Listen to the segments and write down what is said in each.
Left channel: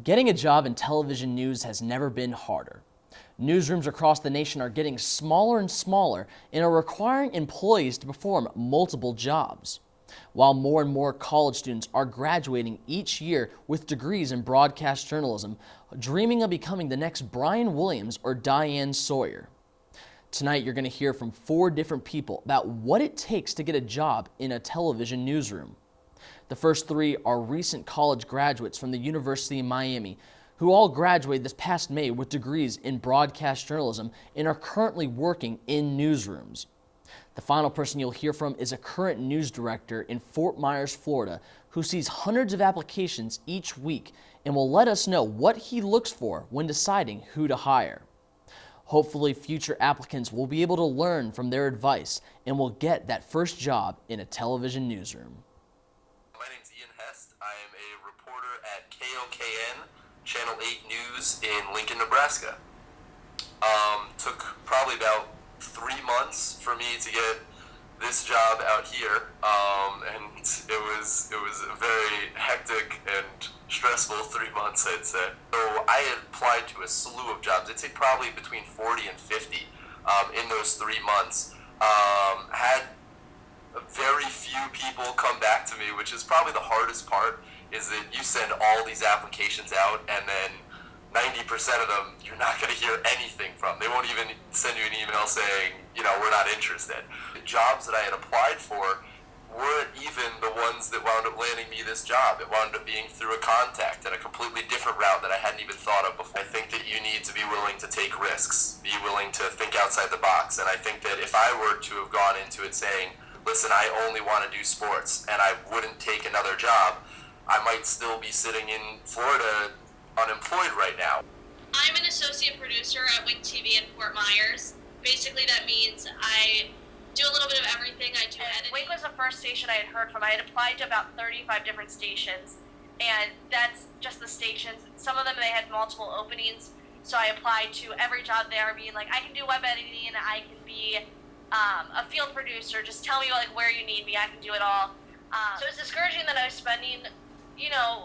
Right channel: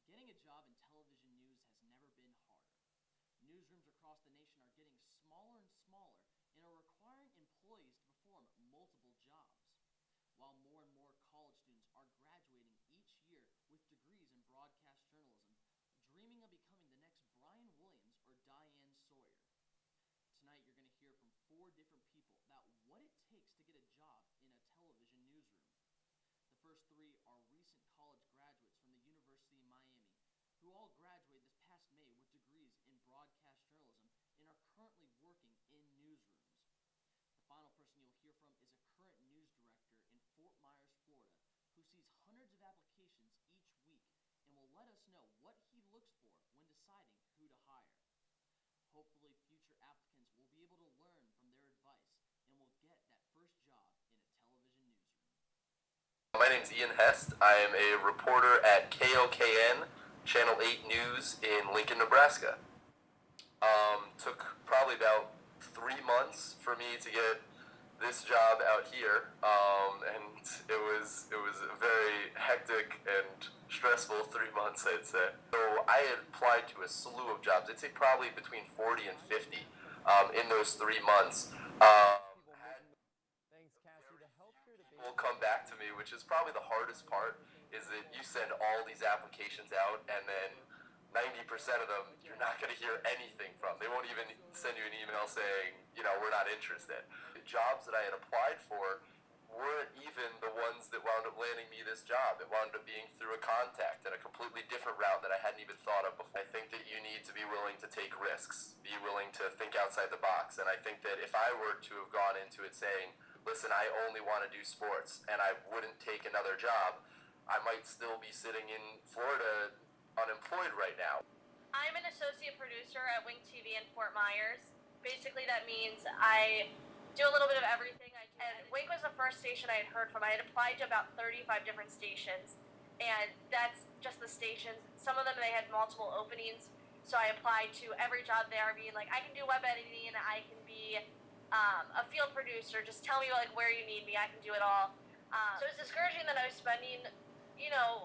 Getting a job in television news has never been harder. Newsrooms across the nation are getting smaller and smaller and are requiring employees to perform multiple jobs. While more and more college students are graduating each year with degrees in broadcast journalism, dreaming of becoming the next Brian Williams or Diane Sawyer. Tonight, you're going to hear from 4 different people about what it takes to get a job in a television newsroom. The first 3 are recent college graduates from the University of Miami, who all graduated this past May with degrees in broadcast journalism and are currently working in newsrooms. The final person you'll hear from is a current news director in Fort Myers, Florida, who sees hundreds of applications each week and will let us know what he looks for when deciding who to hire. Hopefully, future applicants will be able to learn from their advice and will get that first job in a television newsroom. My name's Ian Hest. I am a reporter at KOKN, Channel 8 News in Lincoln, Nebraska. Took probably about 3 months for me to get this job out here, and it was a very hectic and stressful 3 months, I'd say. So I had applied to a slew of jobs. I'd say probably between 40 and 50 in those 3 months. Had very few people come back to me, which is probably the hardest part, is that you send all these applications out and then 90% of them you're not going to hear anything from. They won't even send you an email saying, we're not interested. The jobs that I had applied for weren't even the ones that wound up landing me this job. It wound up being through a contact and a completely different route that I hadn't even thought of before. I think that you need to be willing to take risks, be willing to think outside the box. And I think that if I were to have gone into it saying, listen, I only want to do sports and I wouldn't take another job, I might still be sitting in Florida unemployed right now. I'm an associate producer at Wink TV in Fort Myers. Basically, that means I do a little bit of everything. I do editing. Wink was the first station I had heard from. I had applied to about 35 different stations, and that's just the stations. Some of them, they had multiple openings, so I applied to every job there, being like, I can do web editing, I can be a field producer, just tell me where you need me, I can do it all. So it was discouraging that I was spending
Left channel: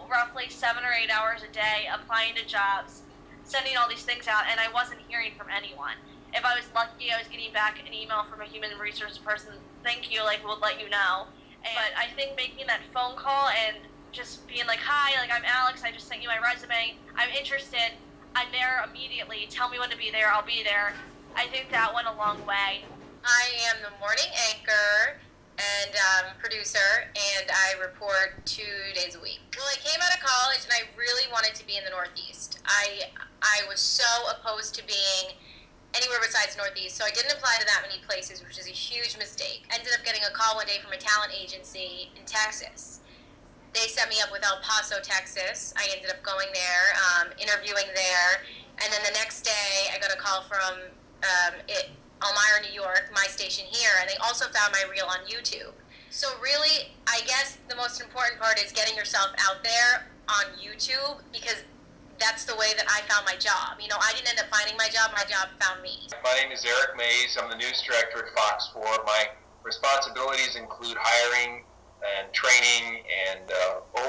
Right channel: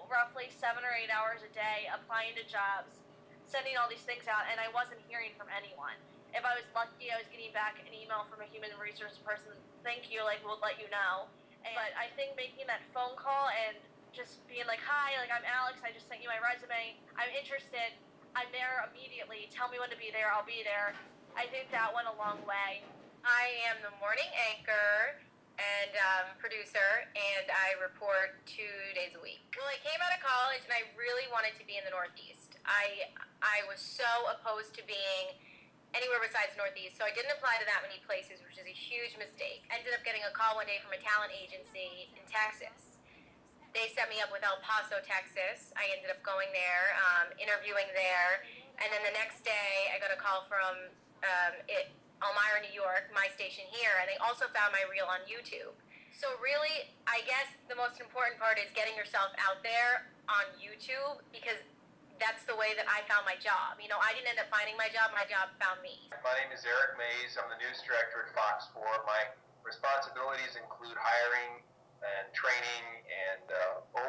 roughly 7 or 8 hours a day applying to jobs, sending all these things out, and I wasn't hearing from anyone. If I was lucky, I was getting back an email from a human resource person, thank you, we'll let you know. But I think making that phone call and just being like, hi, I'm Alex, I just sent you my resume, I'm interested, I'm there immediately, tell me when to be there, I'll be there. I think that went a long way. I am the morning anchor and producer, and I report 2 days a week. Well, I came out of college and I really wanted to be in the Northeast. I was so opposed to being anywhere besides Northeast, so I didn't apply to that many places, which is a huge mistake. Ended up getting a call one day from a talent agency in Texas. They set me up with El Paso, Texas. I ended up going there, interviewing there, and then the next day I got a call from Elmira, New York, my station here, and they also found my reel on YouTube. So really, I guess the most important part is getting yourself out there on YouTube, because that's the way that I found my job. I didn't end up finding my job found me. My name is Eric Mays. I'm the news director at Fox 4. My responsibilities include hiring and training and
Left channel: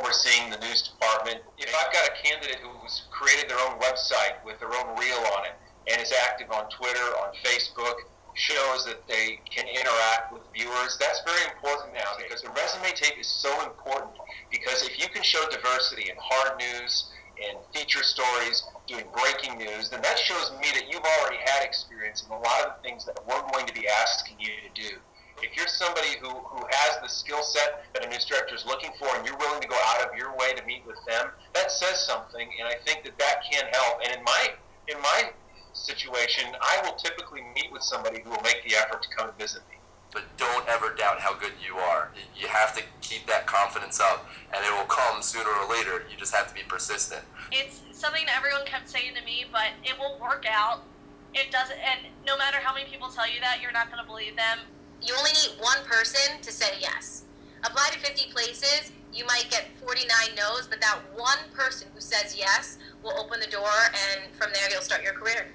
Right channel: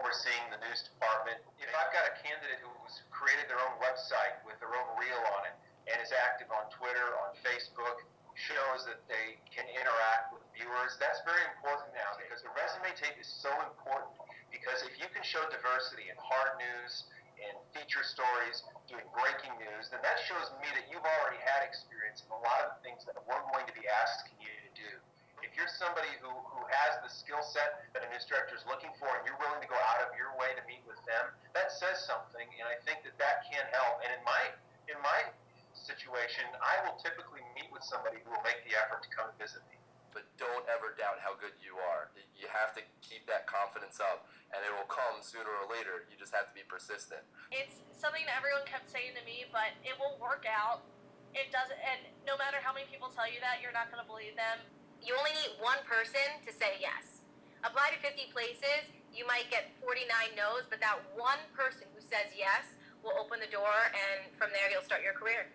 overseeing the news department. If I've got a candidate who's created their own website with their own reel on it and is active on Twitter, on Facebook, shows that they can interact with viewers, that's very important now, because the resume tape is so important. Because if you can show diversity in hard news and feature stories, doing breaking news, then that shows me that you've already had experience in a lot of the things that we're going to be asking you to do. If you're somebody who has the skill set that a news director is looking for, and you're willing to go out of your way to meet with them, that says something, and I think that can help. And in my situation, I will typically meet with somebody who will make the effort to come and visit me. But don't ever doubt how good you are. You have to keep that confidence up, and it will come sooner or later. You just have to be persistent. It's something that everyone kept saying to me, but it will work out. It doesn't, and no matter how many people tell you that, you're not going to believe them. You only need one person to say yes. Apply to 50 places, you might get 49 no's, but that one person who says yes will open the door, and from there you'll start your career.